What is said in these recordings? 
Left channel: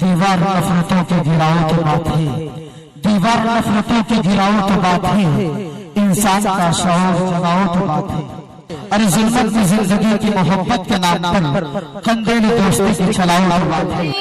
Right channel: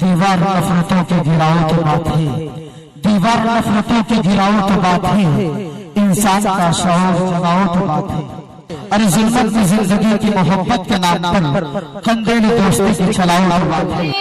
दीवार नफरतों के गिराओ तो बात है, दीवार नफरतों के गिराओ तो बात है, इंसान का शौर जगाओ तो बात है। अरे जुल्मत में जिंदगी की मोहब्बत के नाम पर कंदेली दोस्ती की चलाओ तो बात है।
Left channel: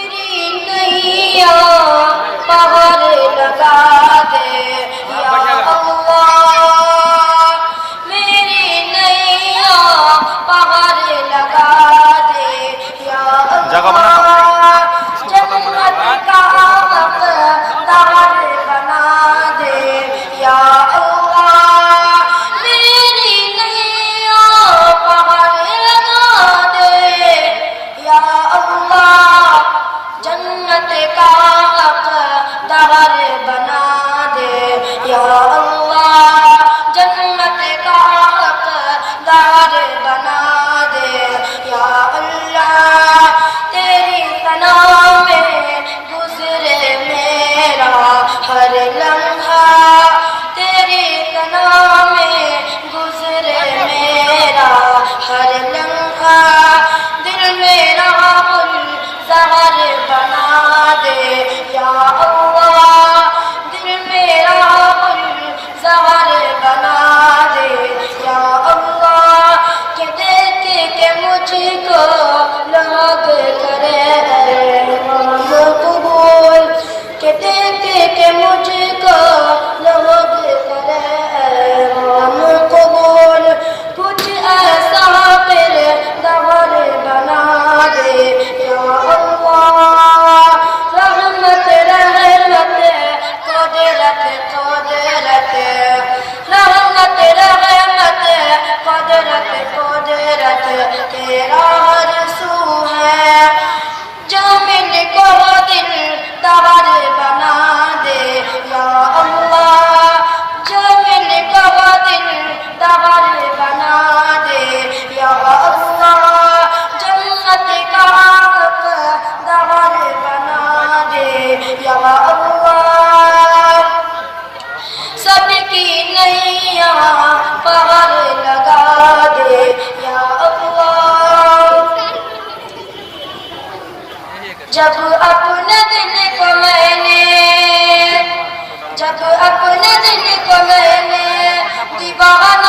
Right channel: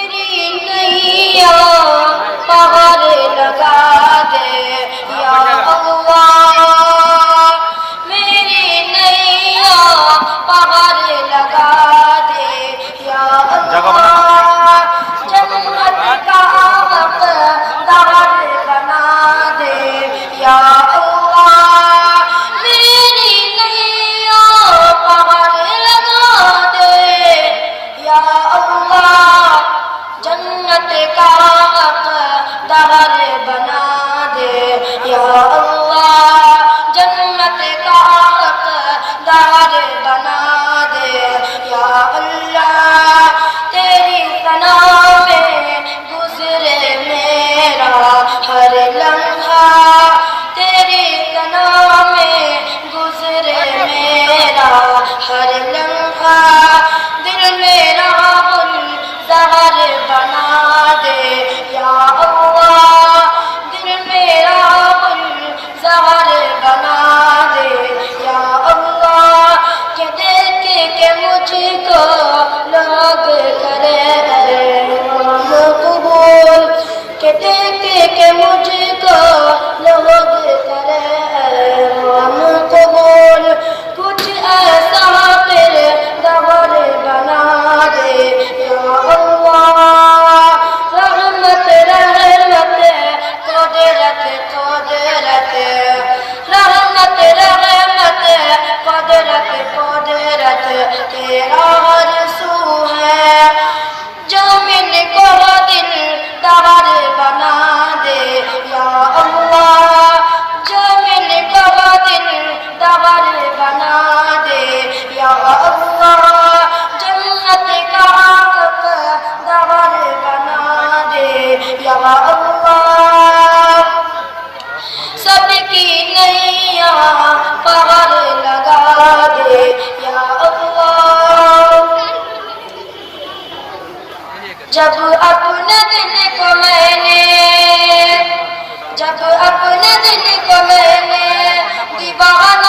जब अपने दिल को मैंने दीवाना